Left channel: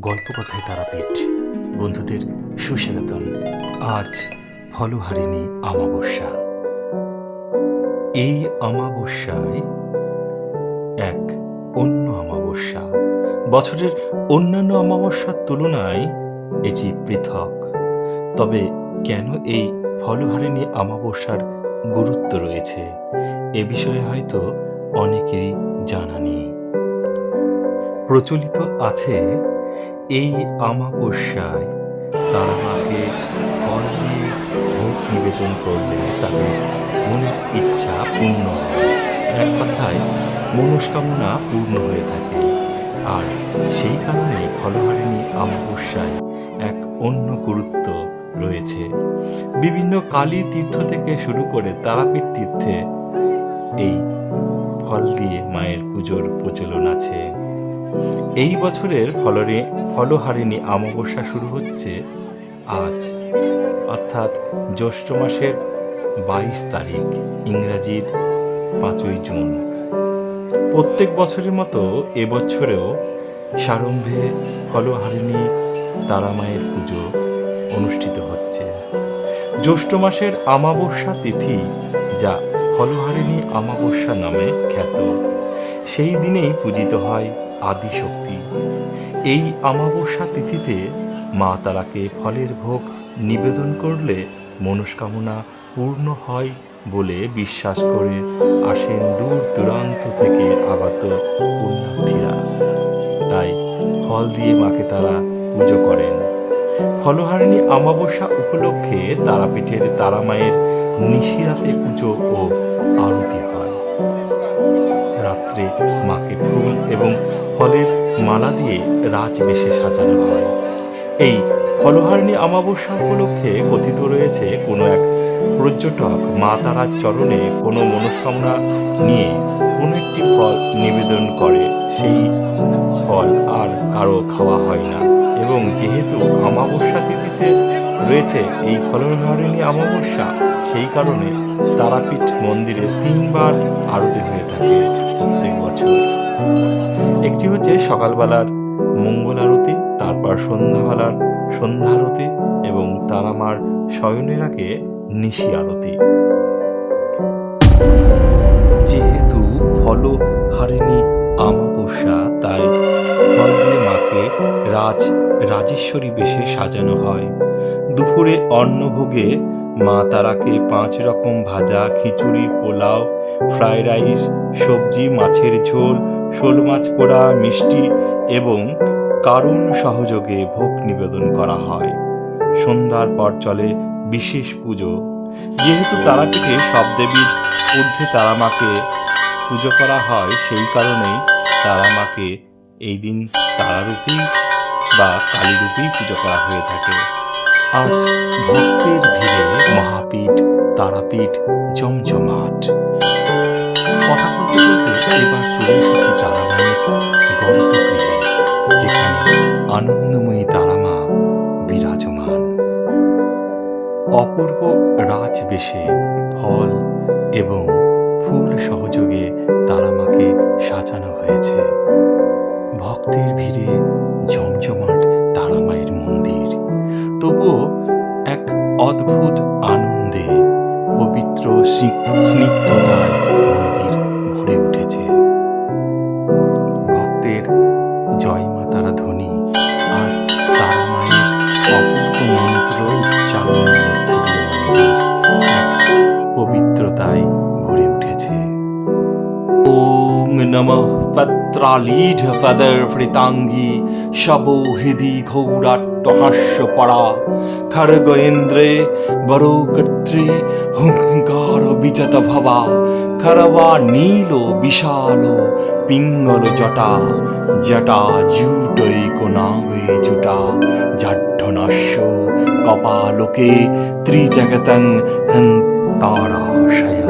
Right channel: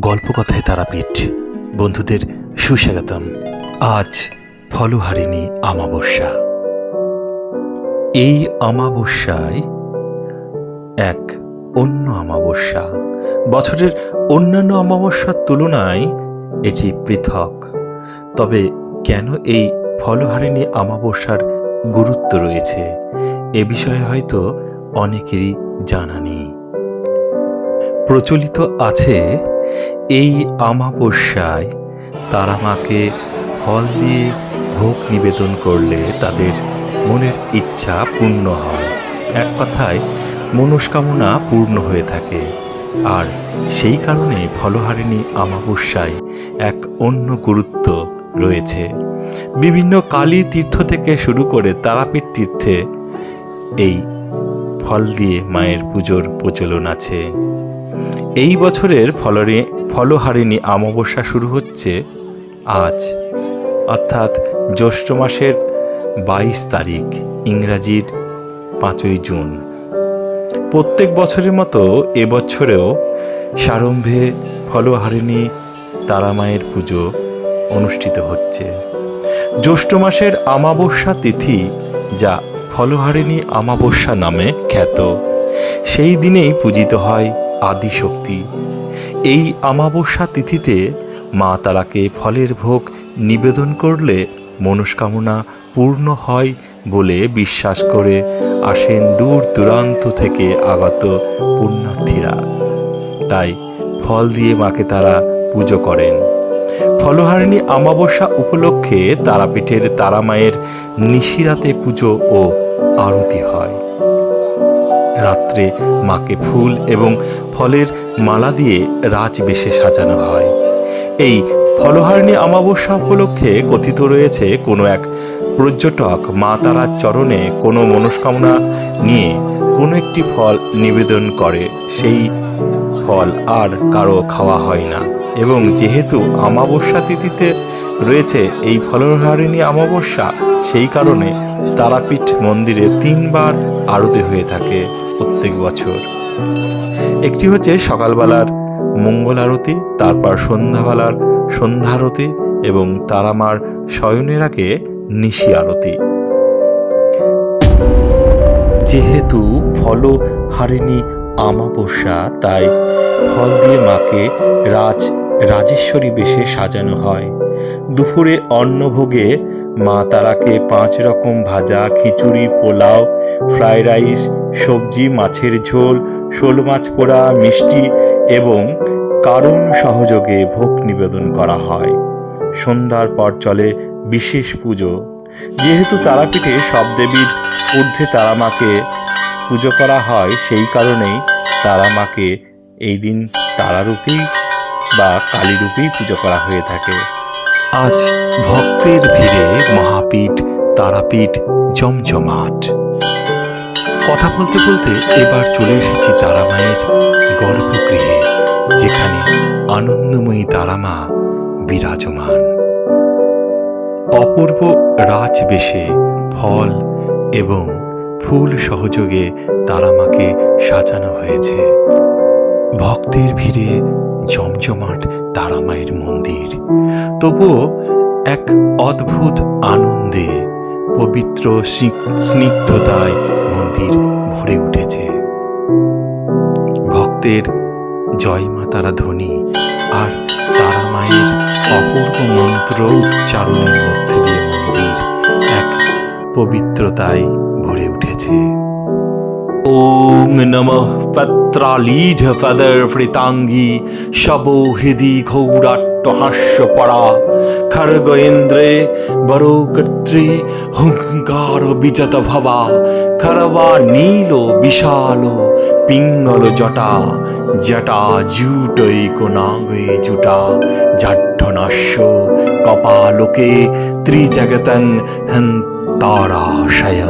গল্পকথায় তারাপীঠ। বন্ধুদের সুস্বাগতম। আজ ফলহারিণী আমাবস্যা এই আমাবস্যায় এক অন্য আমাবস্যা বছরের অন্যান্য অমাবস্যার তুলনায় এটি পৃথক। তবে কেন এই ফলহারিণী আমাবস্যার গুরুত্ব রয়েছে, এ বিষয়ে হয়তো অনেকেরই জানা নেই। প্রচলিত আছে এই আমাবস্যায় তারা মাকে ফল দিয়ে ভোগ নিবেদন করলে তাদের মনের ইচ্ছা পূর্ণ হয়। এক কথায়, মনস্কামনা পূর্ণ হয়ে থাকে। আর সেই কারণে ফলহারিণী আমাবস্যায় এক অন্য গুরুত্ব রয়েছে। বিভিন্ন কালী তীর্থ থেকে শুরু করে তারাপীঠ তীর্থে এই ফল দিয়ে মায়ের পুজোর প্রচলন আছে। এই বছরের ফলরে, ফলহারিণী অমাবস্যা শুরু হচ্ছে আজ। অর্থাৎ জ্যৈষ্ঠ মাসের বাইশ তারিখ, ইংরাজির পাঁচই জুন। প্রত্যেক বছরের মতো এবছরেও সারম্ভে ফলহারিণী তারামায়ের পুজো অনুষ্ঠিত হচ্ছে। জ্যৈষ্ঠ মাসের আমাবস্যা তিথি যা ফলহারিণী আমাবস্যা নামে খ্যাত, সেই দিনেই পূজিত হয় আদিশক্তি। এই আমাবস্যা তিথিতে মা তারাকে ফলের ভোগ নিবেদন করলে মনস্কামনা পূর্ণ হয় বলে বিশ্বাস করে আসেন দূর দূরান্ত থেকে আগত পুণ্যার্থীরা। তাই ফল দিয়ে মাকে তারা পুজো করেন। ফলহারিণী আমাবস্যা উপলক্ষে তারাপীঠের তারামায়ের নিশিরাতে পুজো ও রাত্রে মাকে ফুল এবং ফলের মালা দিয়ে রাজবেশে সাজানো হয়। এই ফলহারিণী অমাবস্যা উপলক্ষে কথিত রয়েছে কোনো এক পর্যটক মা তারার চরণে কোনো মনস্কামনা নিয়ে কোনো একটি ফল নিবেদন করে, সেই ফল আর কারও খাওয়া হয় না। এবং যেহেতু অমাবস্যা তিথিতে রয়েছে এই ফলহারিণী অমাবস্যা, সেই কারণে তারাপীঠ মন্দিরে তিনবার আরতি হয়ে থাকে। প্রত্যেক বছর। একটি হচ্ছে সকালবেলার মঙ্গল আরতি, তারপর সন্ধ্যাবেলার সন্ধ্যা আরতি এবং তারামার শয়নের আগে নিশি আরতি। যেহেতু ফল হারিণী আমাবস্যা, তাই ফল দিয়ে মাকে রাজ, রাজেশ্বরী বেশে সাজানো হয়। দুপুরে অন্নভোগে মা তারাকে পাঁচ রকম ভাজা, খিচুড়ি, পোলাও, ফ্রাইড রাইস, সবজি, মাছের ঝোল, শোল মাছ পোড়া, মিষ্টি এবং কারণ সহযোগে ভোগ নিবেদন করা হয়। সন্ধ্যার পর চলে বিশেষ পুজো। যেহেতু তারাপীঠে সব দেবীর ঊর্ধ্বে তারামাকে পুজো করা হয়, সেই কারণেই তারামাকে এই দিন তারারূপেই বা কালীরূপেই পুজো করা হয়ে থাকে। আজ ভক্তের ভিড়ে মহাপীঠ, তারাপীঠ জমজমাট। কথা বলতে বলতে এবার চলে এসেছি তারামায়ের গর্ভগৃহে, যেখানে আনন্দময়ী তারামা বিরাজমান। অপূর্ব রাজবেশে ফল এবং ফুল সহযোগে তারামাকে সাজানো হয়েছে। ভক্তের ভিড়ে জমজমাট তারামায়ের মন্দির। তবুও এক অদ্ভুত আনন্দে পবিত্র স্নি- স্নিগ্ধতায় মন্দির ভরে উঠেছে। ভক্তের জয় মা তারা ধ্বনি আর তারা মায়ের অপূর্ব মন্ত্র উচ্চারণের মধ্যে দিয়ে মন্দির এক পবিত্রতায় ভরে উঠেছে। ওম নমঃ পত্রালীঢ ফদর ফৃতাঙ্গী শবো হৃদি ঘৌরাট্ট হাস্য পড়া খড়গ ইন্দ্রে বরকর্ত্রী হুঙ্কার বিজত ভবা খরবা নীল বিশাল পিঙ্গল জটা জটা জুটৈক নাগে জুটা জাড্ডনাস্য কপালোকে ত্রিজগতং হন্তারাশয়